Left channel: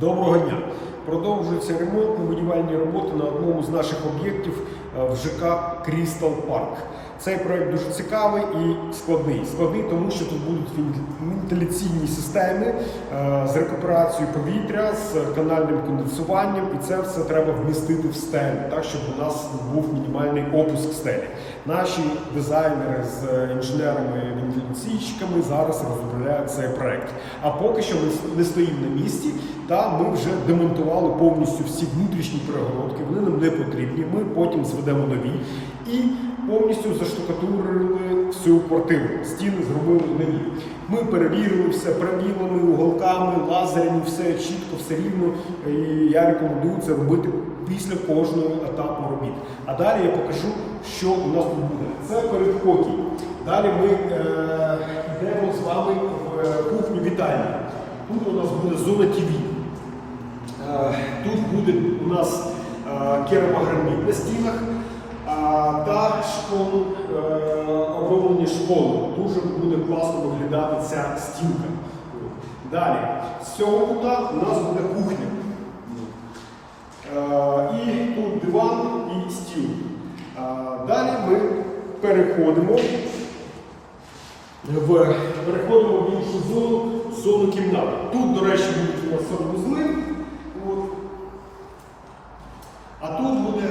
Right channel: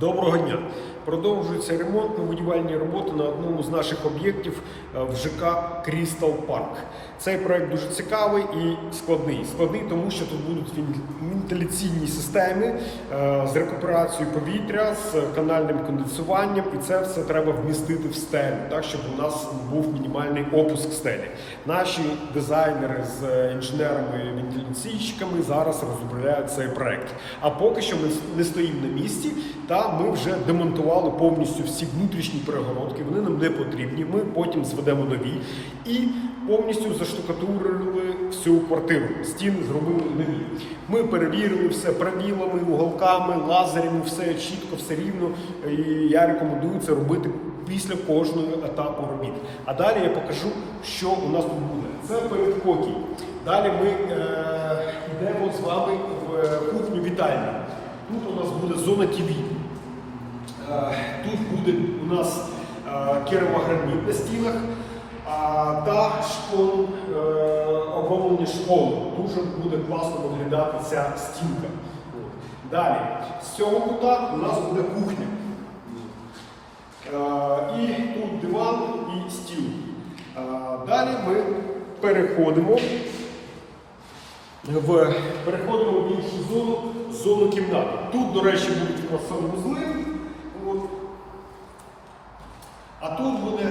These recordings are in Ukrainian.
Доброго дня! Продовжується ремонтно-будівельні роботи на одному з наших об'єктів е, в ЖК Крістал Парк. Цей проект дуже цікавий і складний. Складний, тому що тут будуть вентиляційні системи е, з рекуперацією повітря, з канальним конденсуванням, і це все треба вмістити в стелю, так щоб у нас був мінімальний опуск стелі. Наші дизайнери з е, інженерами вентиляційщиками зараз розробляють цей проект. А поки що ми не стоїмо на місці, та ми вже демонтували повністю всі внутрішні перегородки. Вони нам не потрібні. Ми потім зведемо нові і повністю заштукатурили всю квартиру. Стіни зробили нові. Ми перевірили все правілами, уголками, лазерами, все чітко, все рівно. І я рекомендую це робити після кожного етапу робіт. А далі я покажу, що у нас тут буде. Це передпокій. Далі ми е, йдемо з вами в е, кухню вітальню. Тут у нас буде зона ТВ. Е, Тут буде у нас е, керамогранит на стінах та школу, е, оброблення школи. Дуже буде класно виглядати ця стінка. Далі, з цього кута у нас буде кухня. І тут диван і стіл. Далі ми переходимо в переходимо в іншу зону, зону кімнати. Тут, до речі, будуть у нас санвузли. От. А тут буде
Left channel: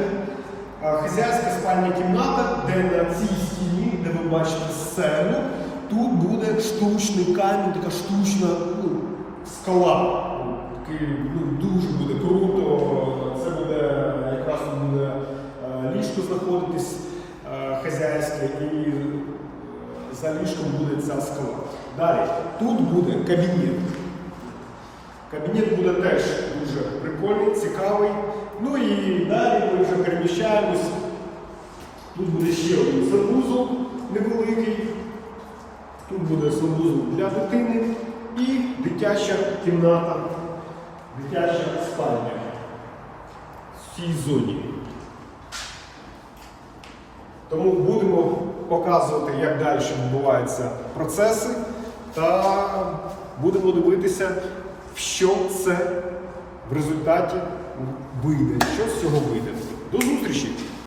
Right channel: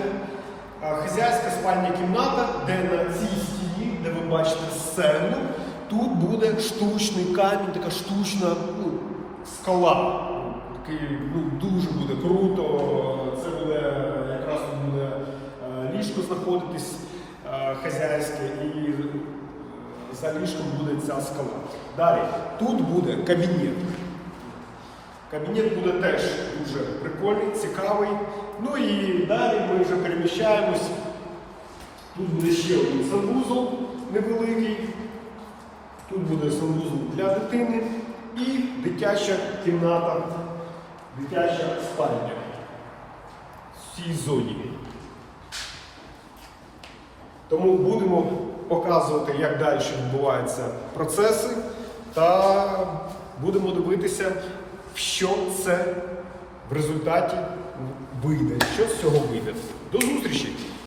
е, хазяйська спальня кімната, де на цій стіні, де ви бачите сцену, тут буде штучний камінь, така штучна ну, скала. Такий, ну, дуже буде круто. Це буде е, якраз буде е, ліжко знаходитись хазяйське і за ліжком буде ця скала. Далі, тут буде кабінет. Кабінет буде теж дуже прикольний, цікавий. Ну і далі ми вже переміщаємось. Тут буде ще один санвузол невеликий. Тут буде санвузол для дитини і дитяча кімната, дитяча спальня в цій зоні. Тому будемо показувати, як далі відбуваються процеси, та будемо дивитися, що це в результаті вийде, що з цього вийде. До зустрічі!